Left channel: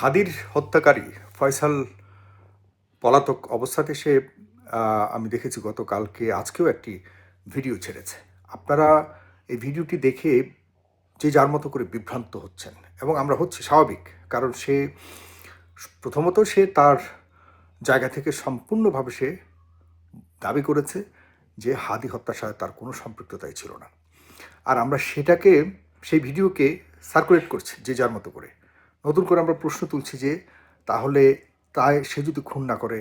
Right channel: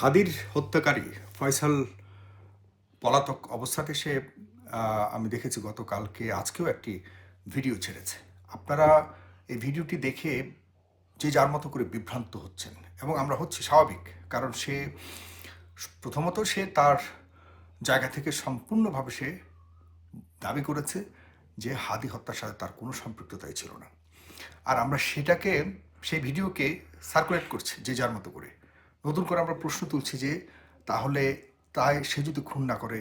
হাদির হত্যাকারী ফয়সাল পলাতক অবস্থাতে সে আমি দেখেছি গতকালকে আজকেও একটি ভিডিও ছেড়েছে আপনারা এই ভিডিওটি দেখে যে যার মতো করে বিভ্রান্ত হচ্ছেন এবং আমরা হচ্ছে স্বাভাবিক কারণ সে প্রথমত সে তার জায়গা থেকে সম্পূর্ণভাবে সে দাবি করেছে যে হাদি হত্যার সাথে তার কোনো সম্পৃক্ততাই ছিল না আর আমরা সেটাকে সেই ভিডিওকে সার্কুলেট করছি যে যার মতো করে নতুন করে আমরা প্রশ্ন তুলছি যে তাহলে তাই সে যদি খুন না করে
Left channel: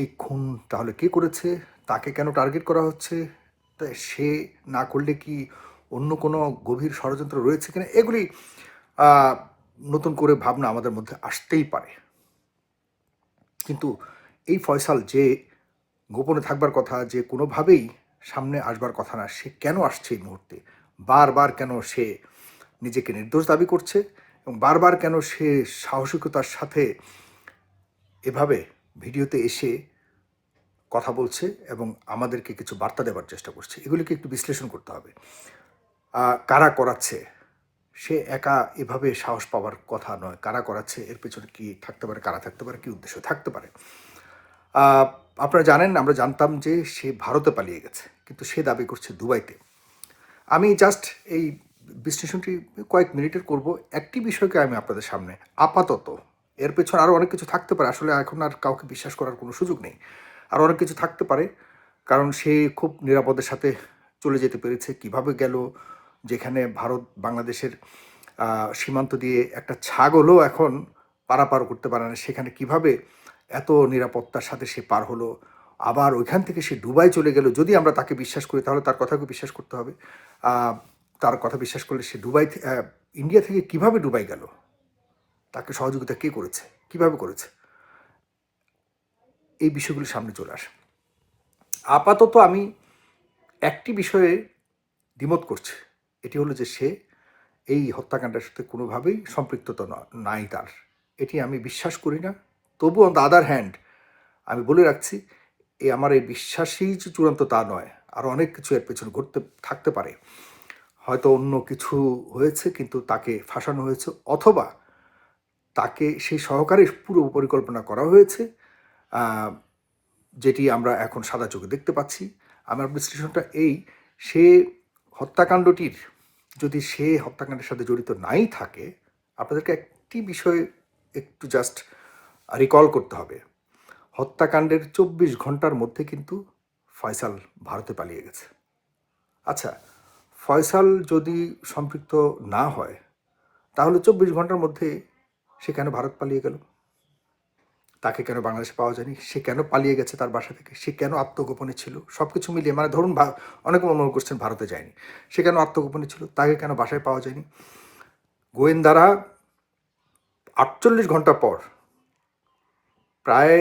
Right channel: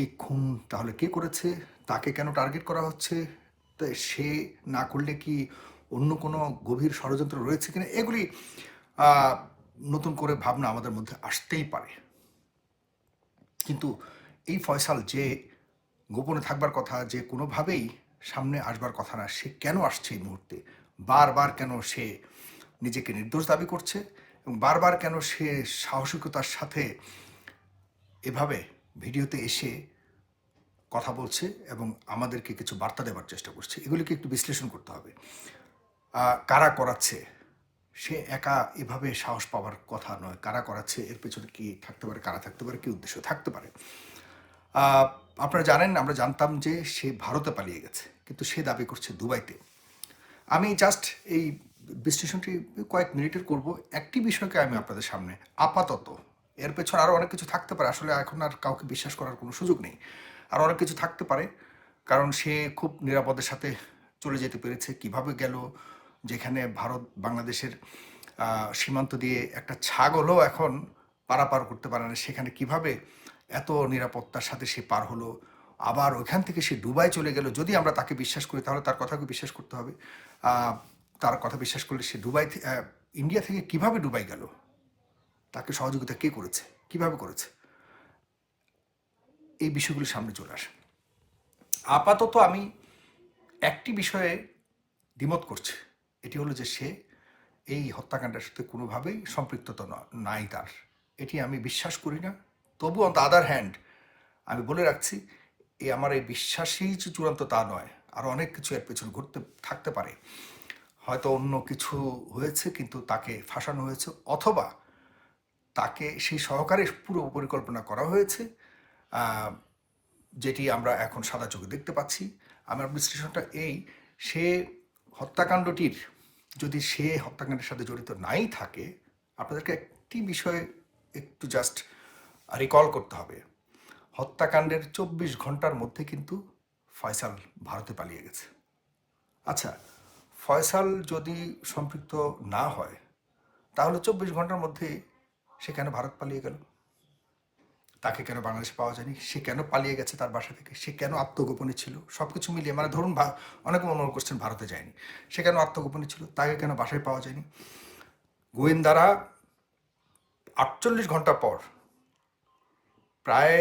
এই খুন তাহলে কে করেছে তাকে কেন টার্গেট করা হচ্ছে তাই সে না করলে কি অন্য কোনো গভীর ষড়যন্ত্র রয়েছে কিনা এগুলি নতুন করে ভাবনা আমাদের মধ্যে আসতেই পারে কিন্তু এই ফয়সাল যে গোপনে থাকবার কথা যে কোনোভাবেই সামনে আসবার কথা না সে কেন আসছে এই মুহূর্তে বারবার কেন সে নিজেকে নির্দোষ দাবি করছে এবং বারবার কেন সে সাহসিকতার সাথে এভাবে ভিডিওতে এসে কথা বলছে এবং আমাদেরকে কিছু বার্তা দেওয়ার চেষ্টা করছে এগুলিকে একটু বিশ্লেষণ করতে হবে কারা করাচ্ছে সে একা এভাবে সাহস পাওয়ার কথা নয় কারা করাচ্ছে এর পেছনে কি থাকতে পারে কারা থাকতে পারে কি উদ্দেশ্য থাকতে পারে আপনারা জানেন আমরা জানতাম যে সে ভারতে পালিয়ে গেছে কিন্তু সে দাবি করছে দুবাইতে আমি জাস্ট এই বিশ্লেষণটি কয়েক মিনিটের করব একটি বিষয়কে আমি আপনাদের সামনে আপাতত এর পেছনে আরও অনেক কিছু থাকতে পারে আসলে এখন আর কাউকে বিশ্বাস করার কোনো সুযোগ নেই আর অনেক কিছু থাকতে পারে কারণ সে খুব নিরাপদের সাথে চলে যেতে পেরেছে কিভাবে গেল যেখানে ভারত বাংলাদেশের সীমান্ত দিয়ে একটা ছাগলও এখন পারাপার করতে পারে না সেখানে কিভাবে এত নিরাপত্তার সাথে সে পার হলো আবার ওইখান থেকে সে দুবাই চলে গেল যদি আমরা তাকে বিশ্বাস করি তাহলে তার কথাকে বিশ্বাস করতে হবে তার কথা বিশ্বাস করলে সে দুবাই ইন্ডিয়া থেকে কিভাবে ডুবাই গেল তাকে সহযোগিতা কে করেছে কিভাবে করেছে এই বিষয়গুলি সামনে চলে আসে আপাতত আমি একটি বিষয়ে দ্বিমত করছি এটি হলো যে সে এই হত্যাকাণ্ডের সাথে কোনোভাবেই সম্পৃক্ততা নাই তার এটি আমি বিশ্বাস করি না তবু অন দ্য আদার হ্যান্ড আমি বলে রাখছি এই আমার এই বিশ্বাসই চূড়ান্ত তা নয় আর অনেক কিছু এর পেছনে ঘটতে থাকতে পারে হয়তো অন্য কিছু হয়েছে কিন্তু তাকে ফাঁসানো হয়েছে অথবা তাকে সেই সহকারে পুরো পরিকল্পনা করা হয়েছে যেটি আমরা এখন সাদা চোখে দেখতে পাচ্ছি আমার বিশ্লেষণটা এই সে হত্যাকাণ্ডটির যদি সে হত্যাকাণ্ডের সাথে জড়িত নাই থাকে আপনাদেরকে একটি বিষয় একটু জাস্ট রিকল করতে হবে হত্যাকাণ্ডের চব্বিশ ঘন্টার মধ্যে কিন্তু ফয়সাল ভারতে পালিয়ে গেছে আচ্ছা ফয়সাল যদি সম্পৃক্ত না হয় তাহলে চব্বিশ ঘন্টার মধ্যে সে কেন ভারত পালিয়ে গেল তাকে কেন বাংলাদেশে পাওয়া যায়নি সে কেন পালিয়ে গেছে তার বাসা থেকে সে কেন আত্মগোপনে ছিল সব কিছু মিলিয়ে মানে ধরুন অনেক মনে করছেন ভারতে যায়নি সে কেন আত্মগোপনে ছিল তাকে কেন বাসায় পাওয়া যায়নি গোয়েন্দারা আটচল্লিশ ঘন্টা পর প্রায়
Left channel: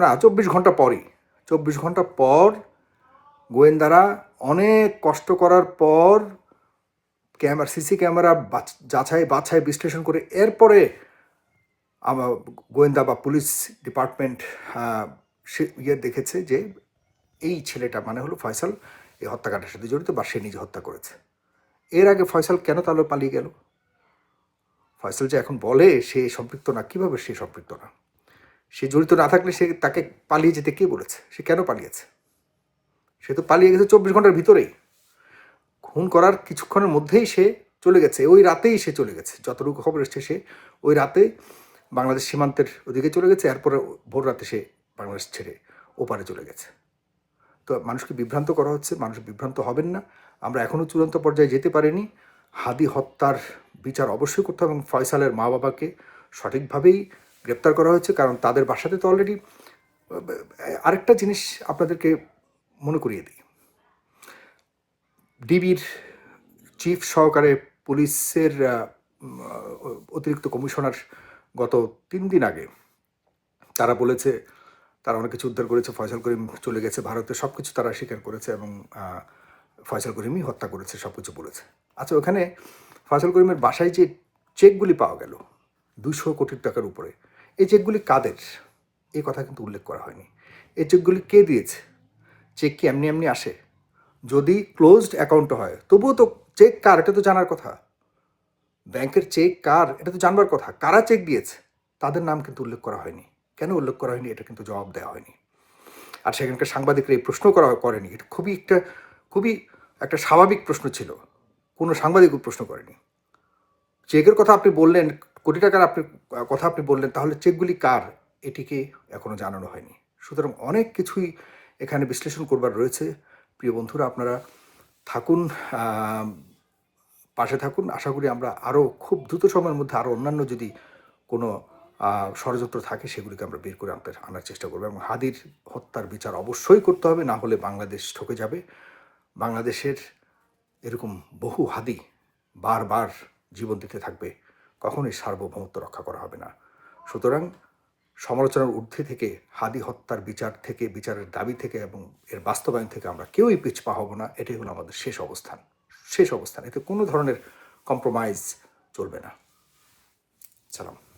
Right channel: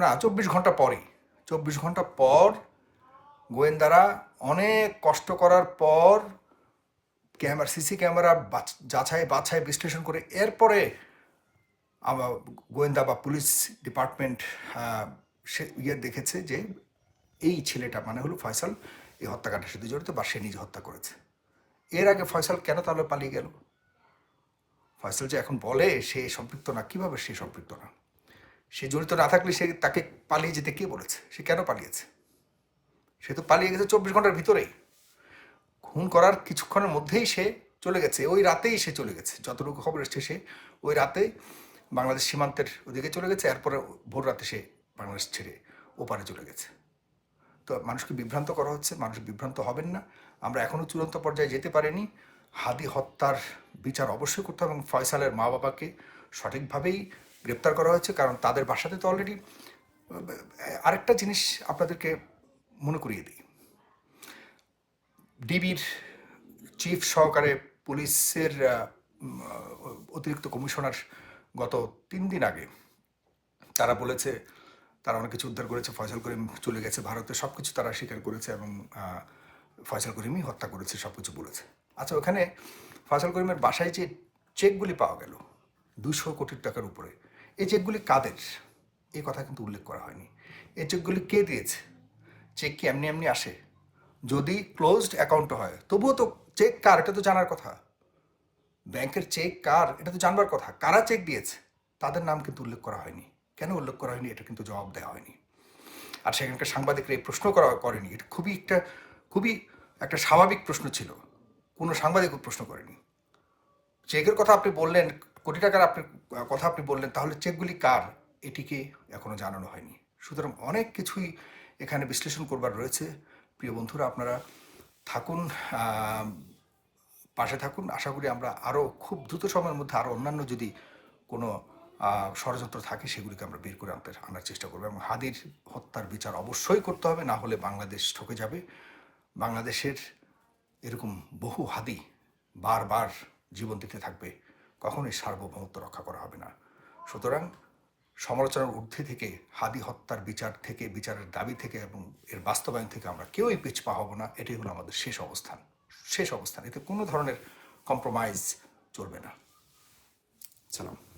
না চব্বিশ ঘন্টা পরই চব্বিশ ঘন্টা পর গোয়েন্দারা অনেক কষ্ট করার পর ক্যামেরা সিসি ক্যামেরা যাচাই বাছাই বিশ্লেষণ করে এরপরে আমার গোয়েন্দা বা পুলিশ ডিপার্টমেন্ট সে ইয়ে দেখেছে যে এই ছেলেটা মানে হলো ফয়সাল এই হত্যাকাণ্ডের সাথে জড়িত বা সে নিজে হত্যা করেছে এর আগে ফয়সাল কেন তাহলে পালিয়ে গেল ফয়সাল যে এখন বলে সে সম্পৃক্ত না কিভাবে সে সম্পৃক্ত না সে জড়িত না থাকলে সে তাকে পালিয়ে যেতে কে বলেছে সে কেন পালিয়েছে সে তো পালিয়ে গেছে চব্বিশ ঘন্টার ভিতরেই খুন করার কিছুক্ষণের মধ্যেই সে চলে গেছে ওই রাতেই সে চলে গেছে যতটুকু খবর এসছে সে ওই রাতে বাংলাদেশ সীমান্তের ওদিকে চলে গেছে এরপরে ভোর রাতে সে বাংলাদেশ ছেড়ে ওপারে চলে গেছে তো মানুষকে বিভ্রান্ত করা হচ্ছে মানুষ বিভ্রান্ত হবেন না আমরা এখনও চূড়ান্ত পর্যায়ে যেতে পারিনি হাদি হত্যার বিচার অবশ্যই করতে হবে এবং ফয়সালের মা বাবাকে সঠিকভাবেই গ্রেপ্তার করা হয়েছে কারণ তাদের বাসাতে তো অলরেডি আরেকটা জিনিস আপনাদেরকে মনে করিয়ে দিই ডিবির চিফ সহকারে পুলিশের অতিরিক্ত কমিশনার গত তিন দিন আগে তারা বলেছে তারা অনেক কিছু উদ্ধার করেছে ফয়সাল করিম চলে গেছে ভারতে সব কিছু তারা স্বীকার করেছে এবং ফয়সাল করিমই হত্যা করেছে সব কিছু বলেছে আচ্ছা ওখানে ফয়সাল করিমের বাসায় যে চেকগুলি পাওয়া গেল দুশো কোটি টাকার উপরে এই চেকগুলি কাদের এই কথা কিন্তু উল্লেখ করা হয়নি এই চেকগুলি কে দিয়েছে চেক কি এমনি এমনি আসে যদি ক্লোজড অ্যাকাউন্ট হয় তবুও তো চেক কার এটা তো জানার কথা ব্যাংকের চেক কার এটা তো জানবার কথা কারা চেক দিয়েছে তাদের নাম কিন্তু উল্লেখ করা হয়নি কেন উল্লেখ করা হয়নি এটা কিন্তু জবাব দেওয়া হয়নি আর সেখানকার সাংবাদিকরা এই প্রশ্ন করা করেনি এটা খুবই একটা খুবই একটা স্বাভাবিক প্রশ্ন ছিল কোনো সাংবাদিক প্রশ্ন করেনি চেকের কথা আপনি বললেন কোটি টাকার আপনি কথা আপনি বললেন তাহলে চেকগুলি কার এটিকে এখনও জানানো হয়নি সুতরাং অনেক কিছুই এখানে বিশ্লেষণ করবার রয়েছে প্রিয় বন্ধুরা আপনারা থাকুন পাশে থাকুন আশা করি আমরা আরও খুব দ্রুত সময়ের মধ্যে আরও অন্যান্য যদি কোনো ষড়যন্ত্র থাকে সেগুলিকে আমরা বের করে আনতে আনার চেষ্টা করবো এবং হাদির হত্যার বিচার অবশ্যই করতে হবে না হলে বাংলাদেশ ঠকে যাবে বাংলাদেশের এরকম বহু হাদি বারবার জীবন দিতে থাকবে কখনোই সার্বভৌমত্ব রক্ষা করা হবে না সুতরাং সমালোচনার ঊর্ধ্বে থেকে হাদি হত্যার বিচার থেকে বিচারের দাবি থেকে এবং এর বাস্তবায়ন থেকে আমরা কেউই পিছপা হব না এটাই হলো আমাদের শেষ অবস্থান শেষ অবস্থান এতে কোনো ধরনের কম্প্রোমাইজ চলবে না সালাম